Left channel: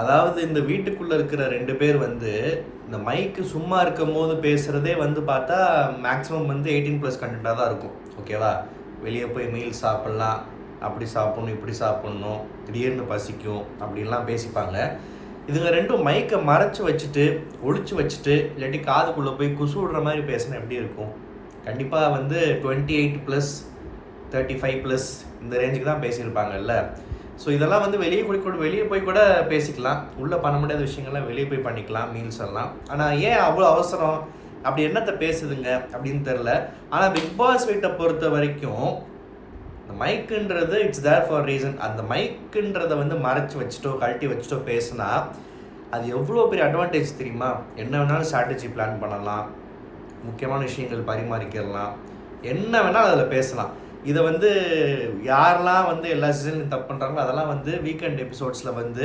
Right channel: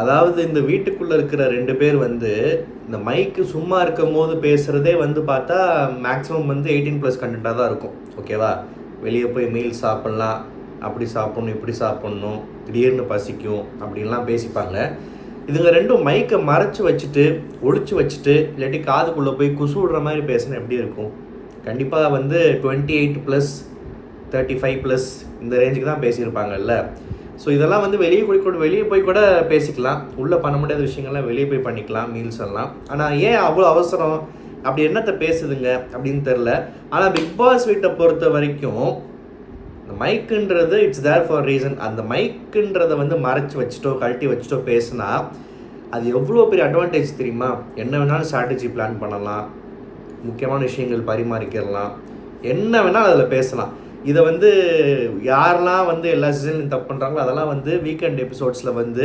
அதாவது இந்த வீட்டுக்குள்ளே இருக்கிற 2 பேர் வந்து இந்த மைக்கு சும்மா இருக்கும் போது பேசுகிறதே வந்து பார்த்தா மேக்ஸிமம் வந்து 18+ கண்டென்ட்டாக தான் இருக்கும். ஓகேவா? வெளியே போய் மீல் சாப்பிட்லாம், அப்படி சாப்பிட்ணும், இப்படி சாப்பிட்ணும், திடீர்னு பசிக்கும் அப்படின்லாம் பேசிப்பாங்க. இதுங்க ரெண்டும் மைக்கை மறைச்சி வச்சுட்டு, ஒழிச்சு வச்சுட்டு, இல்லாட்டி காதுக்குள்ளே போய் குசு விடுற மாதிரி பேசினா எப்படி இருக்கும்? கண்டிப்பாக வந்து 28+, 35+ இந்த ரேஞ்சுக்கு தான் பேசியிருப்பாங்கல்ல. ஸோ இதெல்லாம் வந்து வெளியே போய் கூட பேசிக்கலாம். உள்ளே பண்ண முடியாத விஷயங்கள்லாம் வெளியே போய் பண்ணிக்கலாம், மீல்ஸ் எல்லாம். ஆனால் ஏன் அவ்வளோ அவசரம்? அப்படி என்னத்தை பேசுதுங்க அப்படின்னு தெரில. ஆனால் பிக் பாஸ் வீட்டை பொறுத்த வரைக்கும் இந்த மைக்குன்றது இட்ஸ் தேர் ஃபார் ரீசன். அந்த மைக்குன்றதை வந்து மறைச்சி வச்சுட்டோ கழட்டி வச்சுட்டோ பேசுனா அது எவ்வளோ பெரிய அட்வான்டேஜ் தெரியுமா? என்ன வேணாலும் ஸ்ட்ராட்டஜி பிளான் பண்ணலாம், முக்கியமான விஷயங்கள் பரிமாறிக்கலாம், என்ன வேணால் அதில் பேசலாம். இதை வந்து யாரெல்லாம் வந்து எல்லா சீசன்லையும் தப்பு பண்ணுறாங்களோ அதெல்லாம் வந்து வீக்கெண்ட் எபிசோட்ஸில் வந்து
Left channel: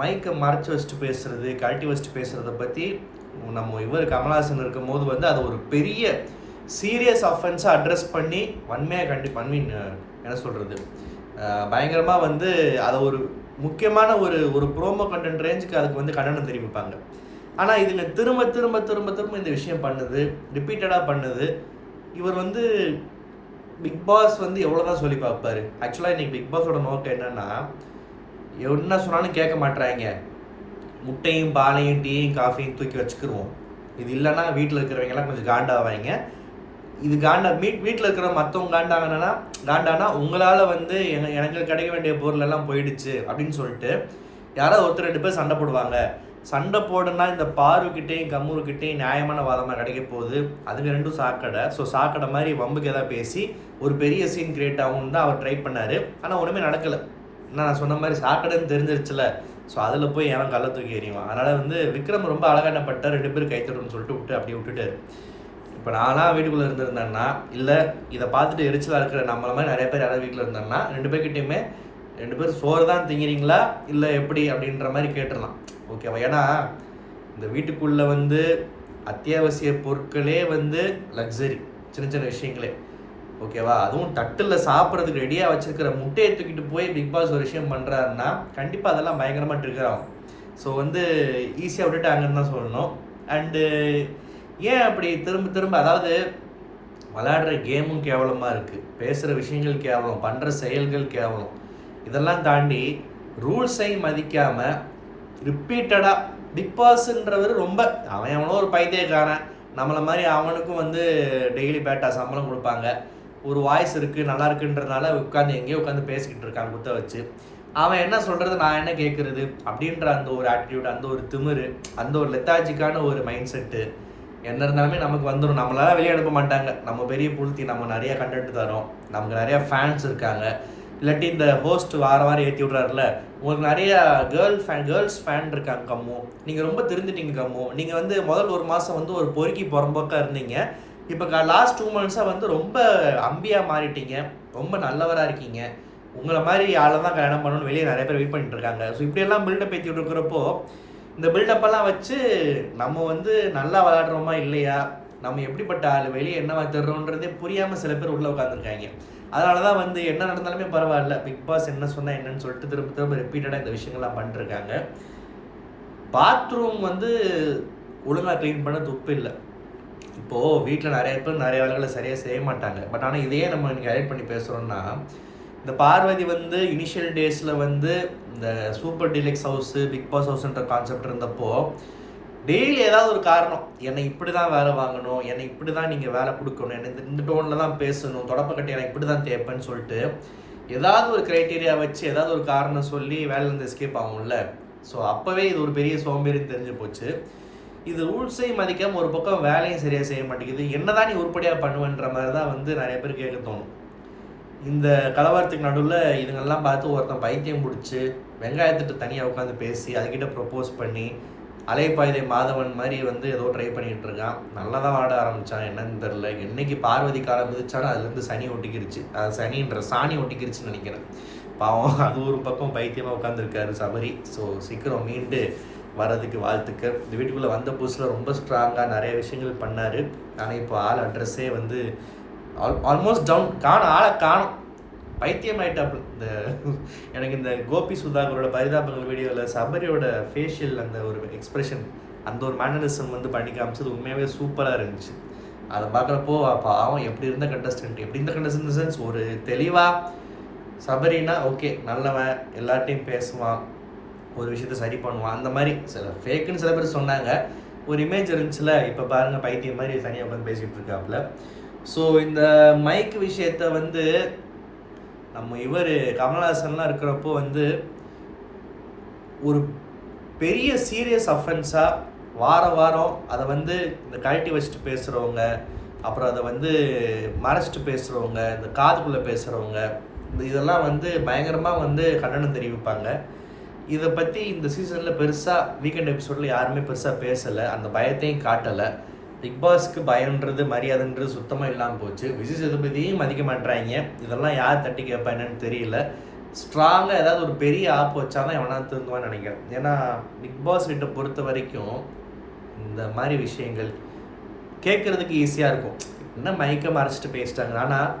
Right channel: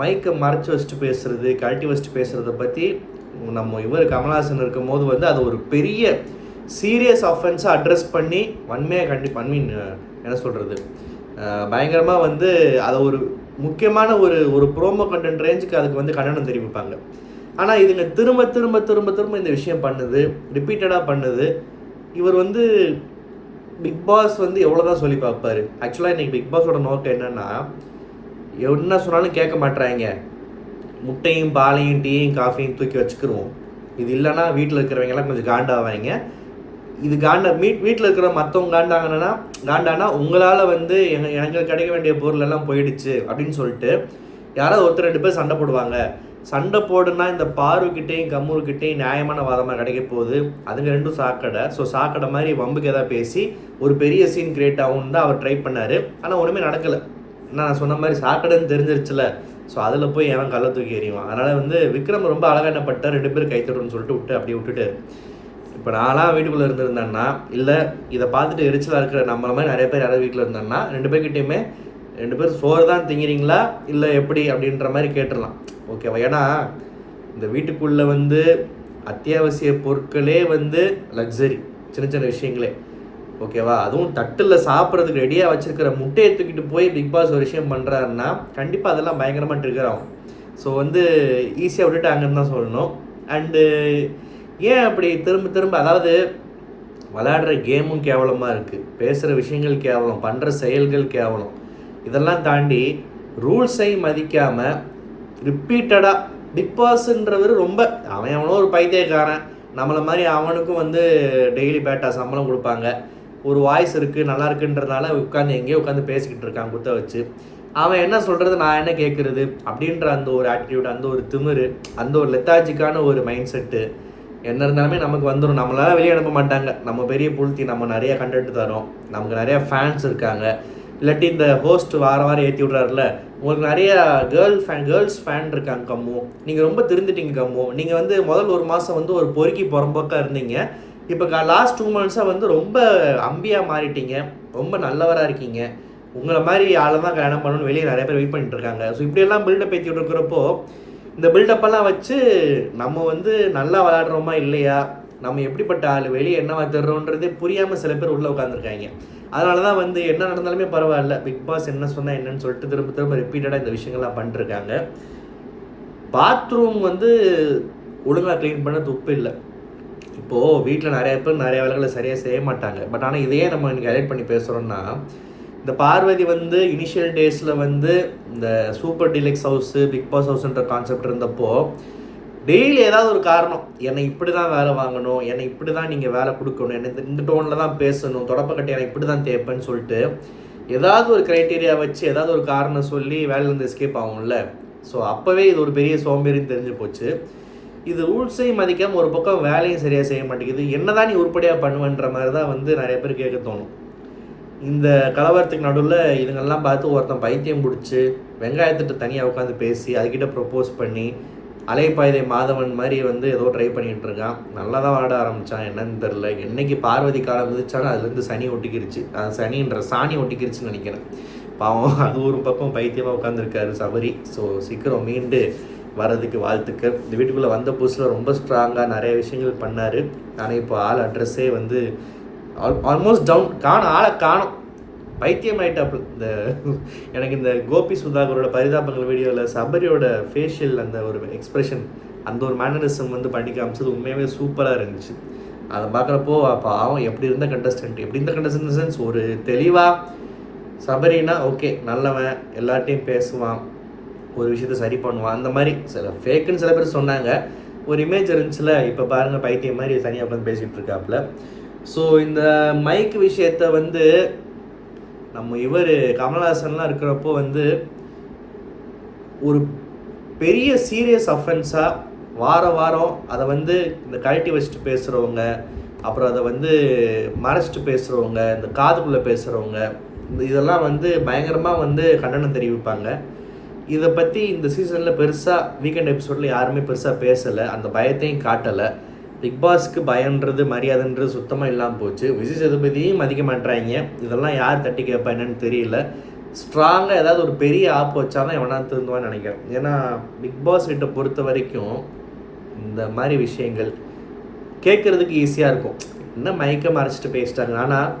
மைக்கை மறைச்சி வச்சுட்டு பேசுகிறது, கழட்டி வச்சுட்டு பேசுகிறத பற்றி நம்ம கமல்ஹாசன் இருக்கும் போது வந்து அது ஒரு பெரிய சீரியஸ் ஆஃபென்ஸாக அட்ரஸ் பண்ணி வன்மையாக என்ன சொல்கிறது, பயங்கரமாக வந்து அதை ஒரு முக்கியமான ஒரு ப்ரோமோ கண்டென்ட் ரேஞ்சுக்கு அதுக்கு வந்து கண்டனம் தெரிவிப்பாங்க. ஆனால் இதுங்க திரும்ப திரும்ப திரும்ப திரும்ப இந்த விஷயம் பண்ணுது, ரிப்பீட்டடாக பண்ணுது. இவர் வந்து பிக் பாஸ் வந்து எவ்வளோ தான் சொல்லி பார்ப்பார். ஆக்சுவலாக இன்றைக்கி பிக் பாஸோட நோக்கம் என்னென்னா, என்ன சொன்னாலும் கேட்க மாட்டுறாங்க, முட்டையும் பாலையும் டீயும் காஃபியும் தூக்கி வச்சுக்கிருவோம், இது இல்லைன்னா வீட்டில் இருக்கிறவங்கெல்லாம் கொஞ்சம் காண்டாவாங்க, இது வீட்டில் இருக்கிற மற்றவங்க காண்டானா உங்களால் வந்து எனக்கு கிடைக்க வேண்டிய பொருள் எல்லாம் போயிடுச்சு அப்படின்னு சொல்லிட்டு யாராவது ஒருத்தர் 2 பேர் சண்டை போடுவாங்க. சண்டை போடுனா இந்த பார்வக்கிட்டேயும் கம்முருக்கிட்டேயும் நியாயமான வாதமாக கிடைக்க போகுது. அதுங்க ரெண்டும் சாக்கடை. ஸோ சாக்கடை மாதிரி வம்புக்கு எதாவது பேசி ஒரு பெரிய சீன் கிரியேட் ஆகும்னு தான் அவர் ட்ரை பண்ணார். ஆனால் ஒன்றுமே நடக்கலை. நான் சொன்ன மாதிரி சாக்கடைன்னு தெரிஞ்சிருச்சுல. ஸோ அதில் போய் எவன் கள்ள தூக்கி எறிவான். அதனால் வந்து விக்ரம் ரொம்ப அழகானப்பட்டார். 2 பேர் கைத்தட்டுன்னு சொல்லிட்டு அப்படியே விட்டுட்டார். இப்போ நான்லாம் வீட்டுக்குள்ளே இருந்திருந்தேன்னா, இல்லை இதை பார்த்துட்டு எரிச்சலாக இருக்கிற நம்மள மாதிரி நிறைய பேர் யாராவது வீட்டில் இருந்தேன்னா 2 பேர்கிட்டையுமே 2 பேர் சோறு தான் திங்கிறீங்களா இல்லை எப்படி அப்படின்ற மாதிரி கேட்டுடலாம். ஓகேவா? ஏன்னா இந்த வீட்டுக்குள்ளே வந்து அத்தியாவசிய பொருட்களே வந்து லக்ஸரி, சின்ன சின்ன விஷயங்களே. ஓகேவா? அதுவும் தட்டில் சாப்பிட்றதுக்கு ரெடியாக வச்சுருக்கிற முட்டையை தூக்கிட்டு போய் பிக் பாஸ் ஒரு விஷயம் பண்ணுறாருன்னா கண்டிப்பாக அதெல்லாம் பயங்கரமாக ட்ரிகர் ஆகும். ஸோ வந்து ஈஸியாக விட்டுட்டாங்கன்னு தான் சொல்லணும். அண்டு ஏன் அப்படி திரும்ப திரும்ப, அதாவது விளையாடுற கேமும் கேவலமாக இருக்குது, பேசுகிற விஷயங்கள் கேவலம், பண்ணுற செயல்கள் கேவலம், இதெல்லாம் தாண்டி ரூல்ஸையும் மதிக்காமல் ரிப்பீட்டடாக பிக் பாஸ்ன்றவர் ரொம்ப அவனோ ஒரு பைத்தியக்காரன், நம்மளை மாதிரி அவனுக்கும் வந்து டெய்லி பேட்டா சம்பளம் கொடுப்பாங்க, ஒரு வாய்ஸ் இருக்குது நல்லா இருக்குன்றதுனால எங்கேயோ உட்காந்து பேசிக்கிட்டு இருக்கான் குத்த வச்சு. அவன் என்ன சொல்கிறது, நான் என்ன கேட்குறது அப்படின்ற அந்த ஒரு ஆட்டிடியூட், அந்த ஒரு திமிரு, அந்த ஒரு லெத்தாஜிக்கான ஒரு மைண்ட் செட்டு என்ன இருந்தாலுமே நமக்கு வந்துடும். நம்மளால வெளியே அனுப்ப மாட்டாங்க. நம்ம பெரிய புழுத்தி, நம்ம நிறைய கண்டென்ட் தரோம், நமக்கு நிறையா ஃபேன்ஸ் இருக்காங்க. இல்லாட்டி இந்த ஹோஸ்ட் வாரம் ஏற்றி விட்றாருல, உங்களுக்கு நிறைய கேர்ள்ஸ் ஃபேன் இருக்காங்க கம்மு, நீங்கள் ரொம்ப திருந்துட்டீங்க கம்மு, நீங்கள் வந்து முதல் 1 மாதம் வந்து ஒரு பொறுக்கி புறம்போக்காக இருந்தீங்க, இப்போ லாஸ்ட் 2 மந்த்ஸாக வந்து ரொம்ப அம்பியாக மாறிட்டீங்க, ரொம்ப நல்லவராக இருக்கீங்க, உங்களை மாதிரி ஆளை தான் கல்யாணம் பண்ணணும்னு வெளியே நிறைய பேர் வெயிட் பண்ணிட்டு இருக்காங்க. ஸோ இப்படியெல்லாம் பில்டப் ஏற்றி விட்டுருக்கிறப்போ இந்த பில்டப்பெல்லாம் வச்சு நம்ம வந்து நல்லா விளையாடுறோமா இல்லையா, நம்ம எப்படிப்பட்ட ஆள், வெளியே என்ன தர்றோன்றதே புரியாமல் சில பேர் உள்ளே உட்காந்துருக்காங்க. அதனால தான் வந்து என்ன நடந்தாலுமே பரவாயில்ல, பிக் பாஸ் என்ன சொன்னால் என்னன்னு சொல்லிட்டு திரும்ப திரும்ப ரிப்பீட்டடாக இந்த விஷயங்கள்லாம் பண்ணிருக்காங்க. பாத்ரூம் வந்து ஒழுங்காக க்ளீன் பண்ண துப்பு இல்லை. இப்போது வீட்டில் நிறைய பேர் நிறைய வேலைகளை சரியாக செய்ய மாட்டாங்க. பட் ஆனால் இதையே நம்ம எனக்கு ஹைலைட் பண்ணி பேசுகிறோன்னா, இந்த பார்வதி வந்து இனிஷியல் டேஸில் வந்து இந்த super deluxe house, Bigg Boss ஹவுஸ்ன்ற கான்செப்ட் இருந்தப்போ டெய்லி ஏதாவது ஒரு காரணம், என்னை இப்படி தான் வேலை வாங்கணும், என்னை இப்படி தான் நீங்கள் வேலை கொடுக்கணும், என்னை இந்த டோனில் தான் பேசணும், தொடப்பக்கட்டை என்னை இப்படி தான் தேப்பேன்னு சொல்லிட்டு ஏதாவது ஒரு க்ரைட்டீரியா வச்சு ஏதாவது ஒரு காரணம் சொல்லி வேலையிலேருந்து எஸ்கேப் ஆகும்ல. ஸோ அப்போவே இது ஒரு பெரிய சோம்பேறின்னு தெரிஞ்சு போச்சு. இது ரூல்ஸையும் மதிக்காமல் ஒரு பக்கம் வேலையும் சரியாக செய்ய மாட்டேங்குது. என்ன தான் நீ உருப்படியாக பண்ணுவேன்ற மாதிரி தான் வந்து நிறைய பேர் கேட்க தோணும். இந்த கலவரத்துக்கு நடுவில் இதுங்கெல்லாம் பார்த்து ஒருத்தன் பைத்தியம் பிடிச்சி வெங்காயத்திட்டு தனியாக உட்காந்து பேசி அதுக்கிட்ட ப்ரப்போஸ் பண்ணி அலைப்பாய்தை மாதவன் மாதிரி வந்து ஏதோ ட்ரை பண்ணிகிட்டு இருக்கான். நல்லா தான் வாட ஆரம்பித்தான், என்னன்னு தெரில. என்றைக்கு பார்வதி காலம் மிதிச்சாலும் அதுலேருந்து சனி ஒட்டிக்கிருச்சு, அது சனின்ற சாணி ஒட்டிக்கிருச்சுன்னு நினைக்கிறேன். பாவம், அது ஒரு பக்கம் பைத்தியமாக உட்காந்துருக்காரு சபரி. ஸோ சீக்கிரம் மீண்டு வரதுக்கு வாழ்த்துக்கள். இந்த வீட்டுக்குள்ளே வந்த புதுசில் ரொம்ப ஸ்ட்ராங்காக நிறைய விஷயங்கள் பண்ணார். ஆனால் இப்போ ஆள் அட்ரஸே வந்து ஆல்மோஸ்ட் டவுன், ஆளை காணும். பைத்தியம் ஆகிட்டாப்புல. எனக்கு இந்த கோபி சுதாகரோட பரிதாபங்கள் வீடியோவில் சபரியோட ஃபேஷியல் அந்த ஒரு எக்ஸ்ப்ரெஷன், அந்த ஒரு மேனரிசம் வந்து பண்ணி காமிச்சது உண்மையாகவே சூப்பராக இருந்துச்சு. அதை பார்க்குறப்போ பாவம் எப்படி இருந்த கண்டஸ்டன்ட் சென்ஸ் ஒரு தெளிவாக சபரினா ஓகே நல்லவன், எல்லார்ட்டையும் பேசுவான், ஒரு விஷயத்த சரி பண்ணுவான், அந்த மாதிரி ஃபேக்குன்னு சில பேர் சொன்னாங்க, ஒரு இமேஜ் இருந்துச்சுல. இப்போ பாருங்கள் பைத்தியம் மாதிரி தனியாக உட்காந்து பேசிகிட்டு இருக்காப்புல. ஸோ இந்த மைக் விஷயத்த வந்து நம்ம கமல்ஹாசன்லாம் இருக்கிறப்போ வந்து ஒரு பெரிய சீரியஸ் அஃபென்ஸாக வாரம் அதை வந்து இந்த கழட்டி வச்சுட்டு பேசுகிறவங்க, அப்புறம் அதை வந்து மறைச்சிட்டு பேசுகிறவங்க, இந்த காதுக்குள்ளே பேசுகிறவங்க, இதெல்லாம் வந்து பயங்கரமாக வந்து கண்டனம் தெரிவிப்பாங்க. இதை பற்றி இந்த சீசனில் பெருசாக வீக்கெண்ட் எபிசோடில் யாருமே பெருசாக பேசலை, அந்த பயத்தையும் காட்டலை. பிக் பாஸ்க்கு பயன்றது மரியாதைன்றது சுத்தமாக இல்லாமல் போச்சு. விஜய் சேதுபதியும் மதிக்க மாட்டுறாங்க. இதெல்லாம் யார் தட்டி கேட்பா என்னன்னு தெரியல. ஸ்ட்ராங்காக ஏதாவது ஒரு பெரிய ஆப் வச்சா தான் எவனா திருந்துவான்னு நினைக்கிறேன். ஏன்னா பிக் பாஸ் கிட்ட பொறுத்த வரைக்கும் இந்த மாதிரி விஷயங்கள் கேட்குறதுக்கு ஈஸியாக இருக்கும். என்ன மைக்கை மறைச்சிட்டு பேசிட்டாங்க, ஆனால்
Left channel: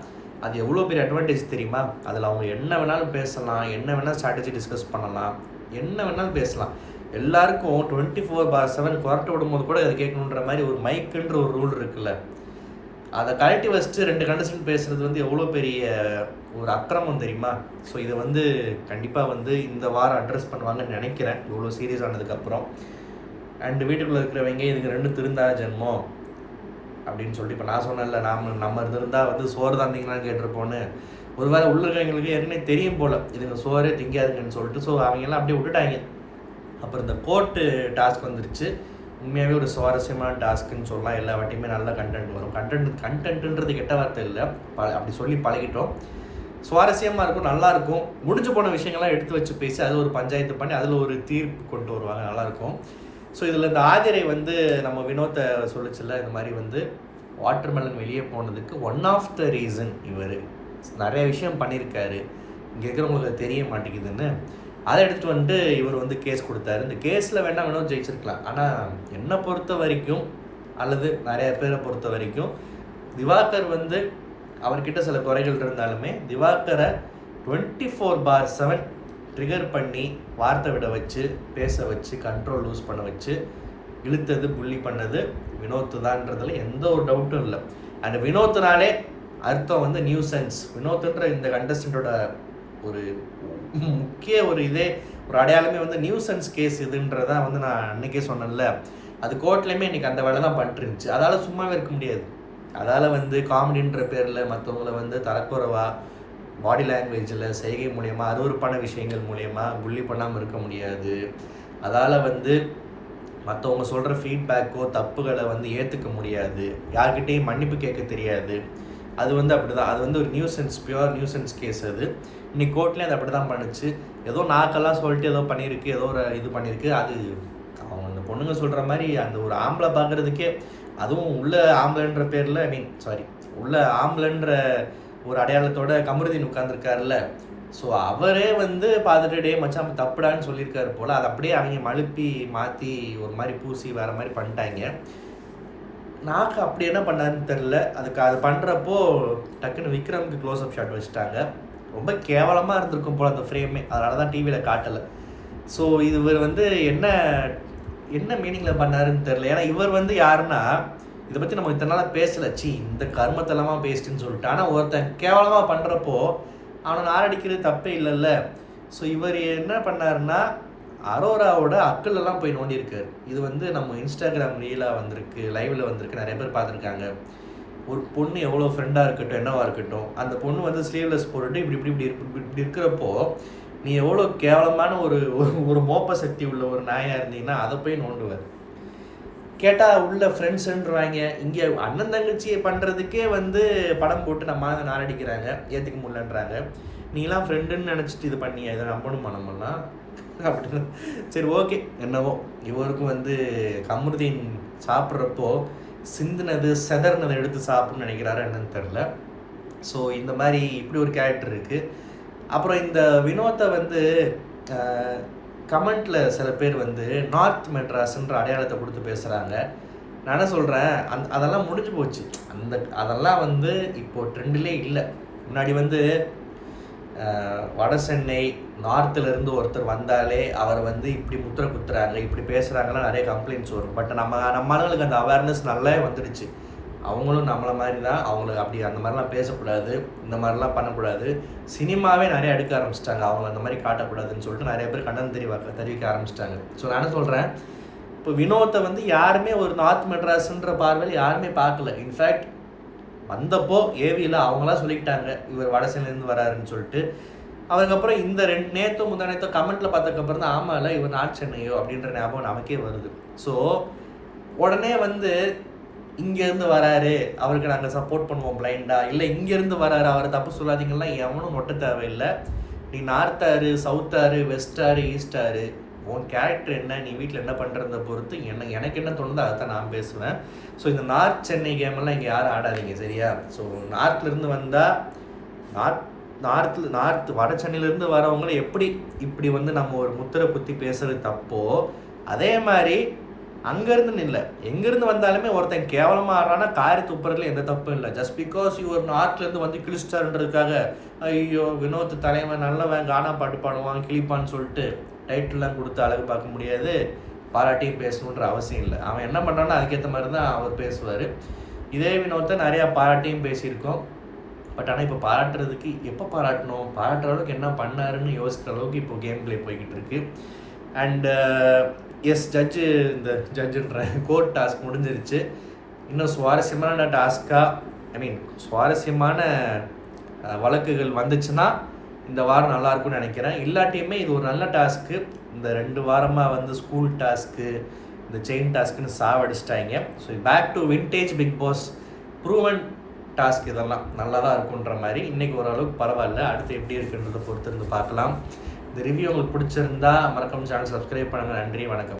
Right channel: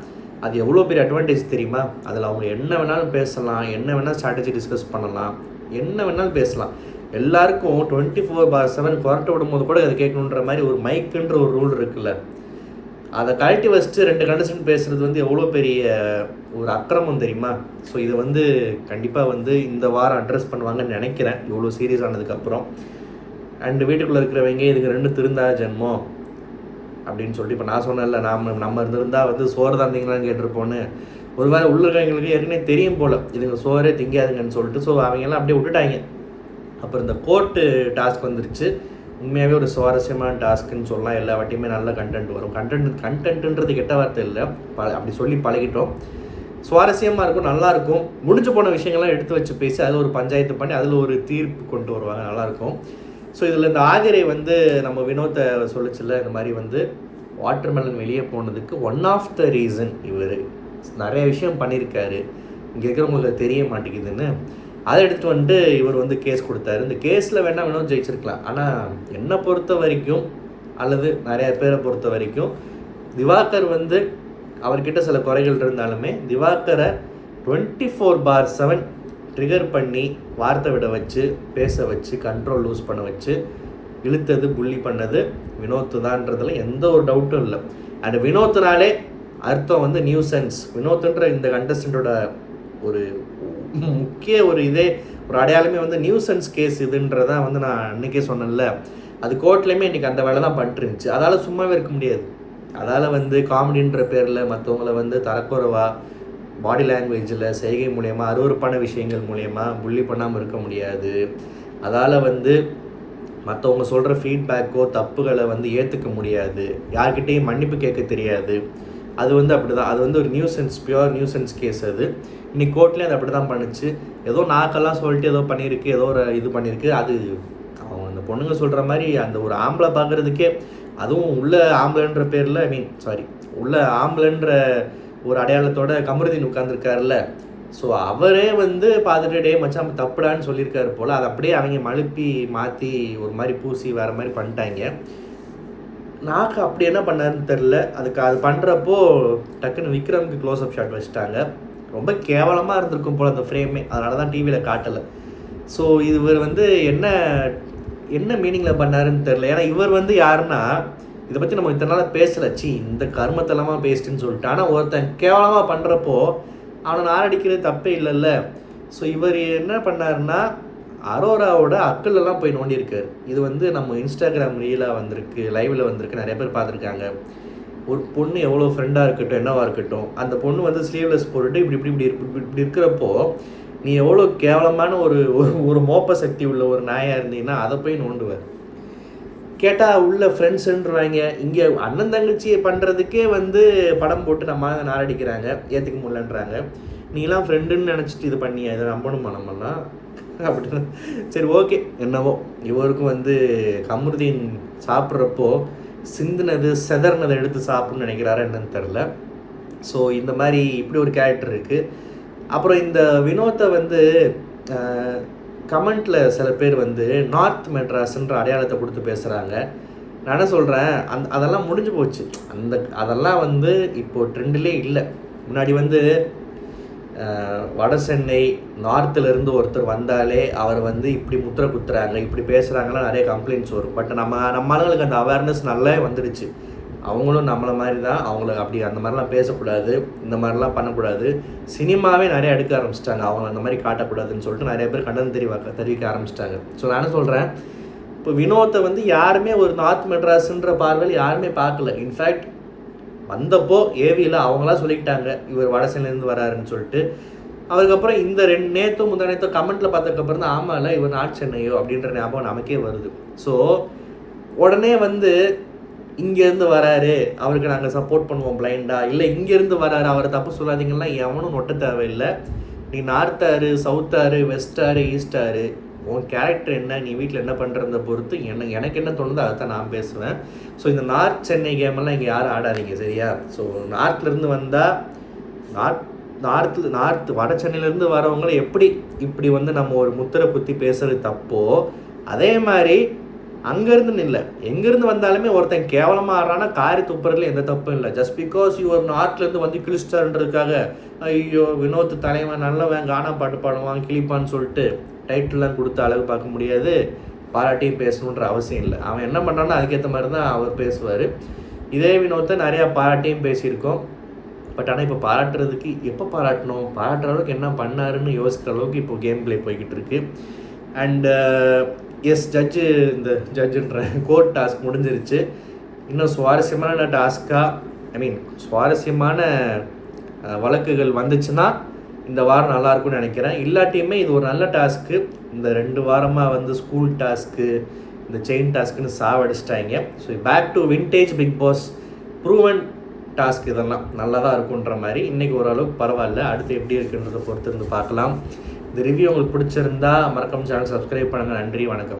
அது எவ்வளோ பெரிய அட்வான்டேஜ் தெரியுமா? அதில் அவங்க என்ன வேணாலும் பேசலாம், என்ன வேணாலும் ஸ்ட்ராட்டஜி டிஸ்கஸ் பண்ணலாம், என்ன வேணாலும் பேசலாம். எல்லாருக்கும் 24/7 குரட்டை விடும்போது கூட அதை கேட்கணுன்ற மாதிரி ஒரு மைக்குன்ற ஒரு ரூல் இருக்குல்ல, அதை கழட்டி வச்சுட்டு 2 கண்டிஷன் பேசுகிறது வந்து எவ்வளோ பெரிய ஒரு அக்கிரமம் தெரியுமா? ஸோ இதை வந்து கண்டிப்பாக வந்து இந்த வாரம் அட்ரஸ் பண்ணுவாங்கன்னு நினைக்கிறேன், இவ்வளோ சீரியஸ் ஆனதுக்கப்புறம். அண்டு வீட்டுக்குள்ளே இருக்கிறவங்க இதுக்கு 2 திருந்தா ஜென்மம் அப்படின்னு சொல்லிட்டு இப்போ நான் சொன்னேன்ல, நம்ம இருந்திருந்தால் வந்து சோறு தான் திங்களான்னு கேட்டிருப்போன்னு. ஒரு வேளை உள்ளவங்களுக்கு ஏற்கனவே தெரியும் போல் இதுங்க சோறே திங்காதுங்கன்னு சொல்லிட்டு. ஸோ அவங்கெல்லாம் அப்படியே விட்டுட்டாங்க. அப்புறம் இந்த கோர்ட்டு டாஸ்க் வந்துருச்சு. உண்மையாகவே ஒரு சுவாரஸ்யமான டாஸ்க்குன்னு சொல்லலாம். எல்லா வாட்டியுமே நல்ல கண்டென்ட் வரும். கண்டென்ட்டுன்றது கெட்ட வார்த்தை இல்லை, அப்படி சொல்லி பழகிட்டோம். சுவாரஸ்யமாக இருக்கும், நல்லாயிருக்கும். முடிஞ்சு போன விஷயங்கள்லாம் எடுத்து வச்சு பேசி அதில் ஒரு பஞ்சாயத்து பண்ணி அதில் ஒரு தீர்ப்பு கொண்டு வருவாங்க, நல்லாயிருக்கும். ஸோ இதில் இந்த ஆதிரை வந்து நம்ம வினோத்தை சொல்லிச்சுல, இந்த மாதிரி வந்து வாட்டர்மெலன் வெளியே போனதுக்கு ஒன் ஆஃப் த ரீசன் இவர் நிறைய விஷயம் பண்ணியிருக்காரு, இங்கே இருக்கிறவங்களுக்கு தெரிய மாட்டேங்குதுன்னு. அதை எடுத்து வந்துட்டு இவர் வந்து கேஸ் கொடுத்தாரு. இந்த கேஸில் வேணால் வினோத் ஜெயிச்சிருக்கலாம். ஆனால் என்னை பொறுத்த வரைக்கும், அல்லது நிறையா பேரை பொறுத்த வரைக்கும், திவாகர் வந்து அவர்கிட்ட சில குறைகள் இருந்தாலுமே திவாகரை 24/7 ட்ரிகர் பண்ணி வார்த்தை விட வச்சு, பேச வச்சு, கண்ட்ரோல் லூஸ் பண்ண வச்சு இழுத்தது, புள்ளி பண்ணது வினோத்து தான்றதுல எந்த ஒரு டவுட்டும் இல்லை. அண்ட் வினோத்துனாலே அர்த்தம் வந்து நியூசன்ஸ். வினோத்துன்ற இந்த கண்டஸ்டண்ட்டோட ஒரு முக்கிய ஒரு அடையாளமே வந்து நியூசன்ஸ் கேஸ் இதுன்றதான் வந்து நான் அன்றைக்கே சொன்னேன்ல, அது கோர்ட்லேயுமே இன்றைக்கி அந்த வேலை தான் பண்ணிருந்துச்சு. அதால் சும்மாவே இருக்க முடியாது. அதால் வந்து காமெடின்ற பேரில் மற்றவங்கள வந்து தரக்குறைவாக பாடி லாங்குவேஜில் செய்கை மூலயமா அருவருப்பான விஷயங்கள் மூலயமா புள்ளி பண்ணாமல் இருக்க முடியாது. அதால் வந்து மற்றவங்க சொல்கிற ஃபீட்பேக்கோ தப்புகளை வந்து ஏற்றுக்க முடியாது, யார்கிட்டையும் மன்னிப்பு கேட்க தெரியாது. அது வந்து அப்படி தான், அது வந்து ஒரு பியூர் நியூசன்ஸ் கேஸ். அது இன்னைக்கு கோர்ட்லேயும் அது அப்படி தான் பண்ணுச்சு. ஏதோ நாக்கெல்லாம் சொல்லிட்டு ஏதோ பண்ணியிருக்கு, ஏதோ ஒரு இது பண்ணியிருக்கு. அது அவங்க அந்த பொண்ணுங்க சொல்கிற மாதிரி அந்த ஒரு ஆம்பளை பார்க்குறதுக்கே, அதுவும் உள்ள ஆம்பளைன்ற பேரில் உள்ள ஆம்பளைன்ற ஒரு அடையாளத்தோட கமருதீன் உட்காந்துருக்காருல்ல. ஸோ அவரே வந்து பார்த்துட்டு டே மச்சான் தப்புடான்னு சொல்லியிருக்காரு போல். அதை அப்படியே அவங்க மழுப்பி மாற்றி ஒரு மாதிரி பூசி வேறு மாதிரி பண்ணிட்டாங்க. நாக்கு அப்படி என்ன பண்ணாருன்னு தெரில. அது பண்ணுறப்போ டக்குன்னு விக்ரமுக்கு க்ளோஸ்அப் ஷாட் வச்சுட்டாங்க. ரொம்ப கேவலமாக இருந்திருக்கும் போல் அந்த ஃப்ரேமே, அதனால தான் டிவியில் காட்டலை. ஸோ இவர் வந்து என்ன மீனிங்கில் பண்ணாருன்னு தெரில. ஏன்னா இவர் வந்து யாருன்னா, இதை பற்றி நம்ம இத்தனை நாள் பேசலை, இந்த கர்மத்தெல்லாமா பேசிட்டுன்னு சொல்லிட்டு. ஆனால் ஒருத்தன் கேவலமாக பண்ணுறப்போ அவனை நாரடிக்கிறது தப்பே இல்லைல்ல. ஸோ இவர் என்ன பண்ணாருன்னா, அரோராவோட அக்கலெல்லாம் போய் நோண்டியிருக்காரு. இது வந்து நம்ம இன்ஸ்டாகிராம் ரீலாக வந்திருக்கு, லைவில் வந்திருக்கு, நிறைய பேர் பார்த்துருக்காங்க. ஒரு பொண்ணு எவ்வளோ ஃப்ரெண்டாக இருக்கட்டும், என்னவாக இருக்கட்டும், அந்த பொண்ணு வந்து ஸ்லீவ்லெஸ் போட்டுட்டு இப்படி இருக்கிறப்போ நீ எவ்வளோ கேவலமான ஒரு மோப்ப சக்தி உள்ள ஒரு நாயாக இருந்தீங்கன்னா அதை போய் நோண்டுவார். கேட்டால் உள்ள ஃப்ரெண்ட்ஸுன்றவாங்க. இங்கே அண்ணன் தங்கச்சியை பண்ணுறதுக்கே வந்து படம் போட்டு நம்ம நாரடிக்கிறாங்க, ஏற்றுக்க முடியலன்றாங்க. நீலாம் ஃப்ரெண்டுன்னு நினச்சிட்டு இது பண்ணியா, இதை நம்பணுமா நம்மலாம் அப்படின்னு. சரி ஓகே, என்னவோ. இவருக்கும் வந்து கமருதீன் சாப்பிட்றப்போ சிந்தினது செதறினதை எடுத்து சாப்பிட்ணுன்னு நினைக்கிறாரா என்னன்னு தெரில. ஸோ இந்த மாதிரி இப்படி ஒரு கேரக்டர் இருக்குது. அப்புறம் இந்த வினோத்தை வந்து கமெண்ட்டில் சில பேர் வந்து நார்த் மெட்ராஸ்ன்ற அடையாளத்தை கொடுத்து பேசுகிறாங்க. நான் என்ன சொல்கிறேன், அதெல்லாம் முடிஞ்சு போச்சு. அதெல்லாம் வந்து இப்போது ட்ரெண்டிலே இல்லை. முன்னாடி வந்து வட சென்னை நார்த்துலேருந்து ஒருத்தர் வந்தாலே அவர் வந்து இப்படி முத்திரை குத்துறாங்க, இப்படி பேசுகிறாங்கலாம் நிறைய கம்ப்ளைண்ட்ஸ் வரும். பட் நம்ம ஆளுங்களுக்கு அந்த அவேர்னஸ் நல்லா வந்துடுச்சு. அவங்களும் நம்மளை மாதிரி தான், அவங்கள அப்படி அந்த மாதிரிலாம் பேசக்கூடாது, இந்த மாதிரிலாம் பண்ணக்கூடாது. சினிமாவே நிறைய எடுக்க ஆரம்பிச்சிட்டாங்க, அவங்கள அந்த மாதிரி காட்டக்கூடாதுன்னு சொல்லிட்டு நிறைய பேர் கண்டனம் தெரிவிக்க ஆரம்பிச்சிட்டாங்க. ஸோ நான் என்ன சொல்கிறேன், இப்போ வினோத்தை வந்து யாருமே ஒரு நார்த் மெட்ராஸுன்ற பார்வையில் யாருமே பார்க்கல. இன்ஃபேக்ட் வந்தப்போ ஏவியில் அவங்களாம் சொல்லிக்கிட்டாங்க இவர் வடசென்னையிலேருந்து வராருன்னு சொல்லிட்டு. அதுக்கப்புறம் இந்த நேற்றோ முந்தானேத்தோ கமெண்ட்டில் பார்த்ததுக்கப்புறம் தான் ஆமாம்ல இவர் நார்த் சென்னையோ அப்படின்ற ஞாபகம் நமக்கே வருது. ஸோ உடனே வந்து இங்கேருந்து வராரு அவருக்கு நாங்கள் சப்போர்ட் பண்ணுவோம் பிளைண்டாக, இல்லை இங்கேருந்து வராரு அவரை தப்பு சொல்லாதீங்கன்னா எவனும் நொட்ட தேவையில்லை. நீ நார்த்தாரு, சவுத்தாரு, வெஸ்டாரு, ஈஸ்டாரு, உன் கேரக்டர் என்ன, நீ வீட்டில் என்ன பண்ணுறத பொறுத்து எனக்கு என்ன தோணுதோ அதை தான் நான் பேசுவேன். ஸோ இந்த நார்த் சென்னை கேமெல்லாம் இங்கே யாரும் ஆடாதீங்க, சரியா? ஸோ நார்த்லேருந்து வந்தால் நார்த் வட சென்னையிலேருந்து வரவங்களை இப்படி வந்து நம்ம ஒரு முத்திரை குத்தி பேசுகிறது தப்போ, அதே மாதிரி அங்கேருந்து இல்லை எங்கேருந்து வந்தாலுமே ஒருத்தன் கேவலமாக ஆடுறானா காரி துப்புறதுல எந்த தப்பும் இல்லை. ஜஸ்ட் பிகாஸ் யுவர் நார்த்லேருந்து வந்து கிழிச்சிட்டாருன்றதுக்காக ஐயோ வினோத் தலைவன் நல்லவன், கானா பாட்டு பாடுவான், கிளிப்பான்னு சொல்லிட்டு டைட்டில்லாம் கொடுத்து அழகு பார்க்க முடியாது, பாராட்டியும் பேசணுன்ற அவசியம் இல்லை. அவன் என்ன பண்ணுறான்னு அதுக்கேற்ற மாதிரி தான் அவர் பேசுவார். இதே வினோத்தை நிறையா பாராட்டியும் பேசியிருக்கோம். பட் ஆனால் இப்போ பாராட்டுறதுக்கு எப்போ பாராட்டணும், பாராட்டுற அளவுக்கு என்ன பண்ணாருன்னு யோசிக்கிற அளவுக்கு இப்போ கேம் பிளே போய்கிட்டு இருக்கு. அண்டு எஸ் ஜட்ஜுன்ற கோர்ட் டாஸ்க் முடிஞ்சிருச்சு. இன்னும் சுவாரஸ்யமான டாஸ்க்காக சுவாரஸ்யமான வழக்குகள் வந்துச்சுன்னா இந்த வாரம் நல்லாயிருக்கும்னு நினைக்கிறேன். இல்லாட்டியுமே இது ஒரு நல்ல டாஸ்க்கு. இந்த 2 வாரமாக வந்து ஸ்கூல் டாஸ்க்கு, இந்த செயின் டாஸ்க்குன்னு சாவடிச்சிட்டாங்க. So back to vintage Bigg Boss proven task இதெல்லாம் நல்லா தான் இருக்குன்ற மாதிரி. இன்றைக்கி ஓரளவுக்கு பரவாயில்ல, அடுத்து எப்படி இருக்குன்றதை பொறுத்து இருந்து பார்க்கலாம். இந்த ரிவ்யூ உங்களுக்கு பிடிச்சிருந்தா மறக்காம சேனல் சப்ஸ்கிரைப் பண்ணுங்கள். நன்றி, வணக்கம்.